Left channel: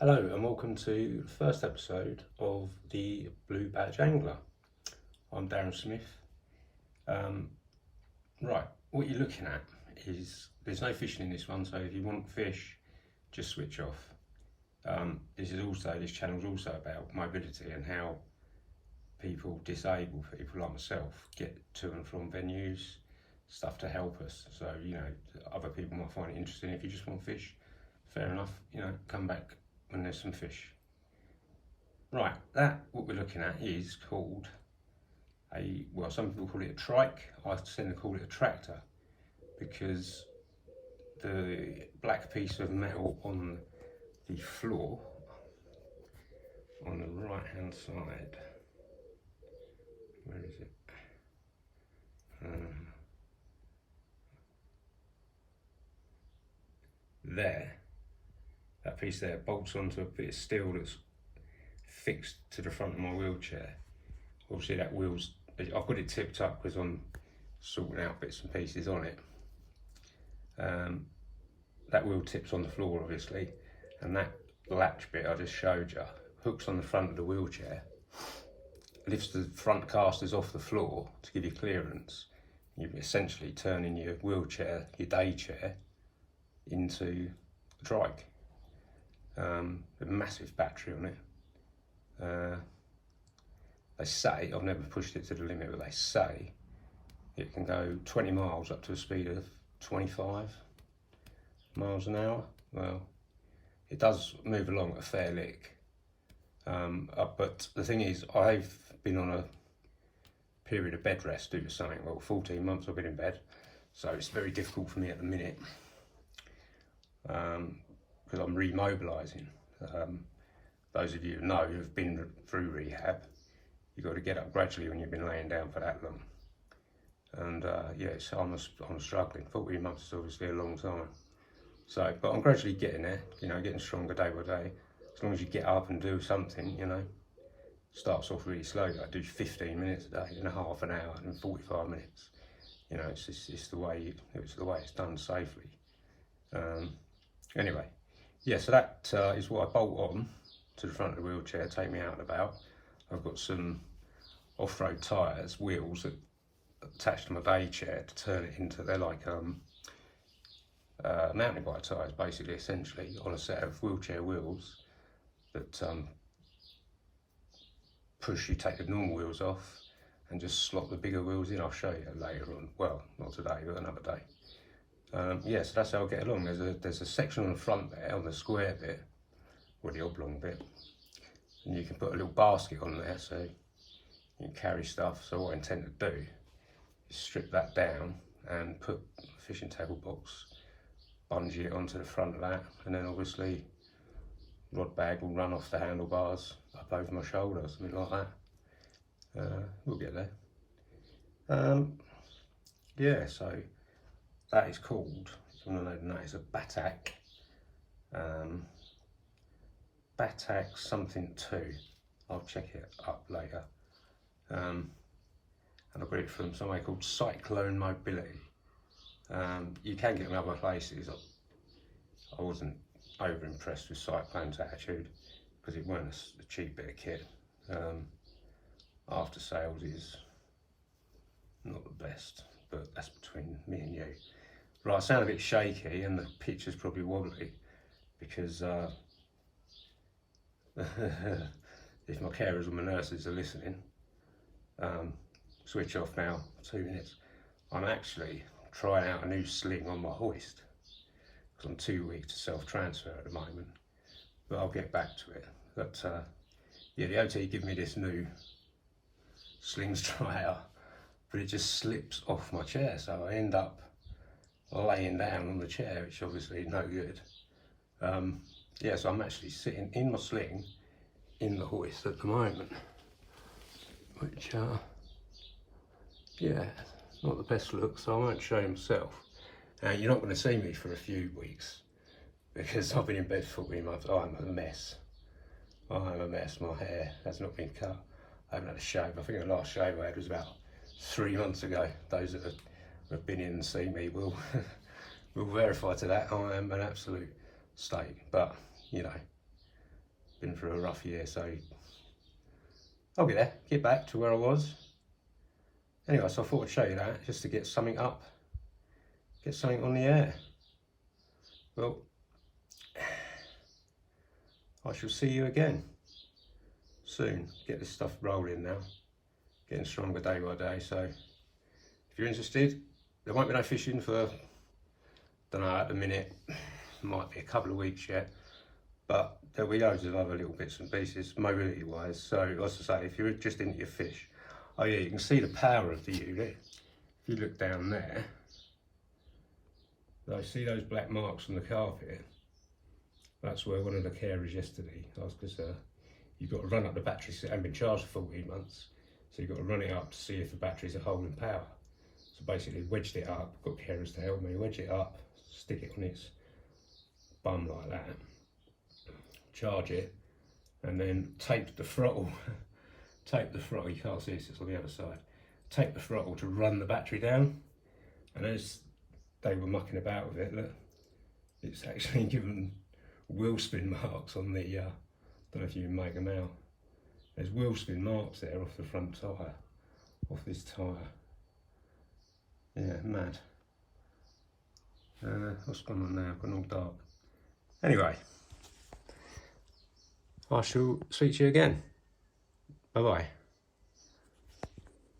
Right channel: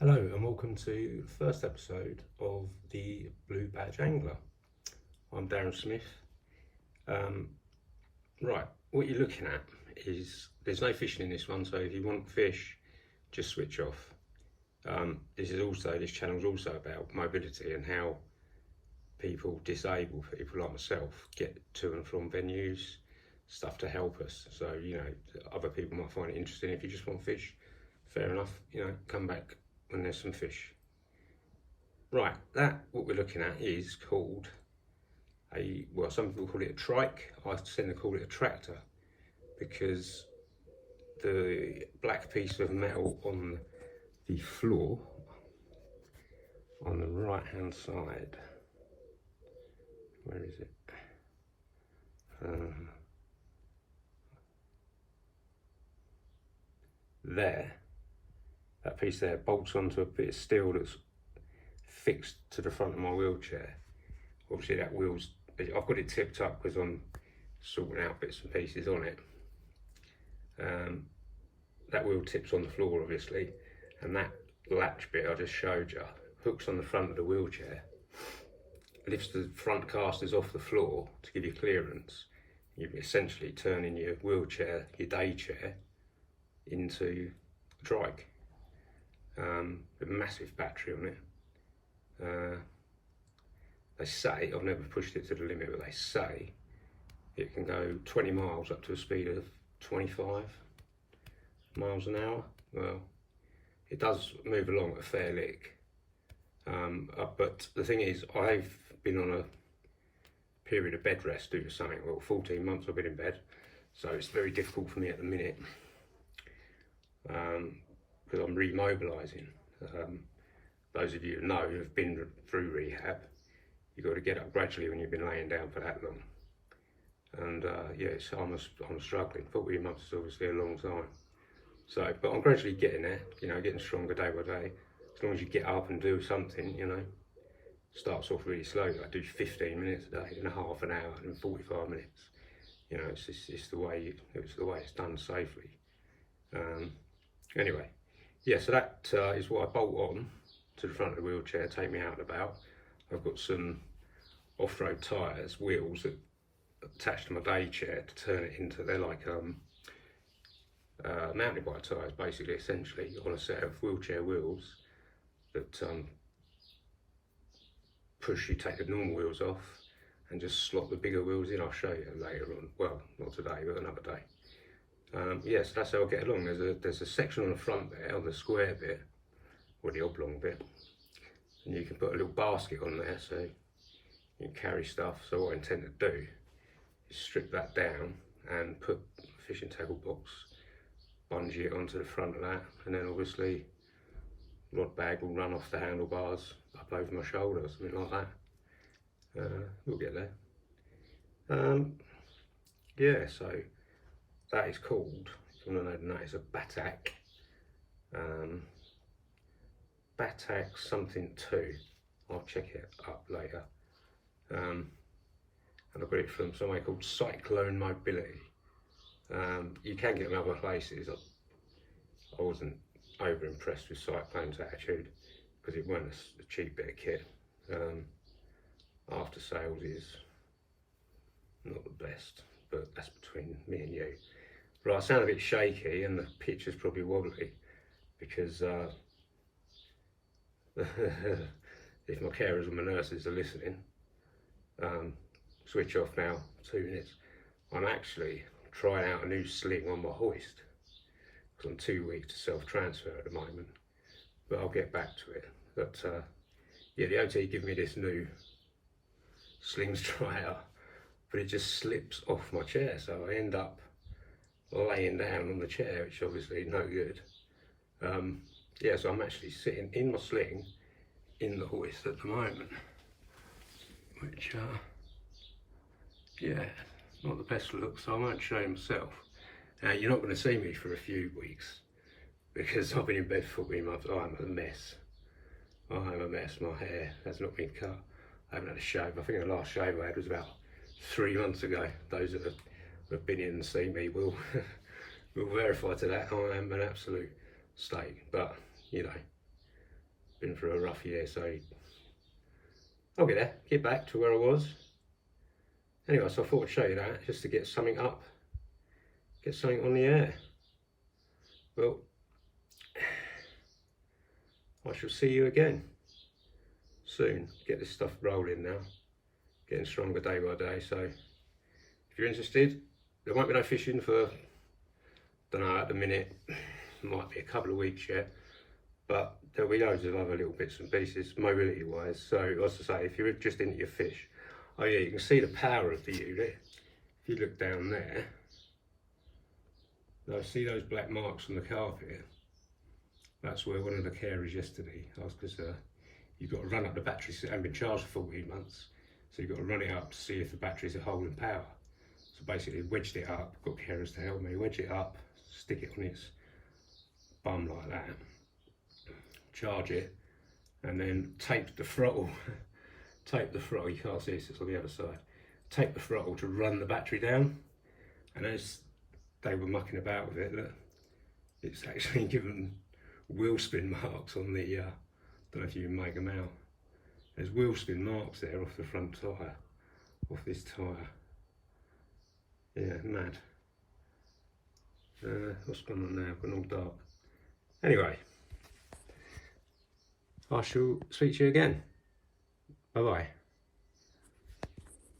Hello and welcome to the first episode of the Blue Badge Angler. I'm Darren Smith. Right, what you're looking at is there's no fishing in this one, so if you want fish, just switch off. This channel is also about mobility and how disabled people like myself, get to and from venues, stuff to help us. So, other people might find it interesting. If you just want fish, fair enough, come back when there's some fish. Right, what we're looking at is called some people call it a trike. I tend to call it a tractor because the black piece of metal on the floor on the right hand side, where is it? That piece there bolts onto a bit of steel that's fixed to the front of my wheelchair. Obviously I've got it tipped up because I'm sorting out bits and pieces on it. That wheel tips on the floor obviously, and that latch bit I just showed you hooks on the front of the wheelchair, lifts the front casters off the floor to give you clearance. You're essentially turning your wheelchair, your day chair, into a trike. A massive battery on it. They say, I've never pushed it to the limit, but they say it can go 20 miles up to a speed of 25 miles an hour. Well, it does move along at a fair lick. But the thing is, I've been on a period of bed rest due to something. Well, 14 months I've been in bed, so it's very difficult for me at the minute. Because I'm remobilising. Those of you who know who've been through rehab, you've got to get up gradually when you've been laying down for that long. And I'm struggling. 14 months is obviously a long time. So, but I'm gradually getting there, getting stronger day by day. As long as you get up and do something, starts off really slowly. I do 15 minutes a day, then a half an hour, and 45 minutes. It's the way it's done safely. Anyway, so that is what I bolt on to the front of the wheelchair, take me out and about. I've got some off-road tyres, wheels that attached to my day chair to turn it into, they're like mountain bike tyres basically, essentially, on a set of wheelchair wheels that take the normal wheels off and just slot the bigger wheels in. I'll show you later on, well, not today, but another day. So that's how I get along. There's a section on the front there, on the square bit, or the oblong bit, and you can put a little basket on there so you can carry stuff. So what I intend to do is strip that down and put a fishing tackle box, bungee it onto the front of that, and then obviously rod bag will run off the handlebars up over my shoulder, something like that. We'll get there. So that is called, if you want to know the name, it's a Batak. Batak something 2. I'll check it up later. And I got it from somewhere called Cyclone Mobility. You can get them other places. I wasn't over impressed with Cyclone's attitude because it weren't a cheap bit of kit. After sales is not the best, but that's between me and you. Right, I sound a bit shaky and the picture's probably wobbly because if my carers or my nurses are listening, switch off now, 2 minutes. I'm actually trying out a new sling on my hoist because I'm too weak to self-transfer at the moment, but I'll get back to it. But the OT gave me this new sling to try out, but it just slips off my chair, so I end up laying down on the chair, which obviously no good. So I'm actually sitting in my sling in the hoist at the moment, which not the best look, so I won't show you myself. You're not going to see me for a few weeks because I've been in bed for 14 months. I'm a mess. My hair has not been cut. I haven't had a shave. I think the last shave I had was about 3 months ago. Those that have been in and seen me will will verify to that. I am an absolute state, but been through a rough year, so I'll get there, get back to where I was. Anyway, so I thought I'd show you that, just to get something up, get something on the air. Well, I shall see you again soon. Get this stuff rolling now, getting stronger day by day. So if you're interested, there won't be no fishing for, don't know, at the minute, might be a couple of weeks yet, but there'll be loads of other little bits and pieces mobility wise. So as I say, if you're just into your fish, oh yeah, you can see the power of the unit. If you look down there, see those black marks on the carpet? That's where one of the carers yesterday, because you've got to run up the batteries. It hasn't been charged for 14 months, so you've got to run it up to see if the batteries are holding power. So basically wedged it up, got carers to help me, wedge it up, stick it on its bum like that, charge it, and then tape the throttle. Tape the throttle, you can't see this, it's on the other side. Tape the throttle to run the battery down, and as they were mucking about with it, look, it's actually given wheel spin marks on the, don't know if you can make them out. There's wheel spin marks there off the front tyre, off this tyre. Yeah, mad. What's going on now? I've gone all dark. Anyway, I shall speak to you again. Bye bye.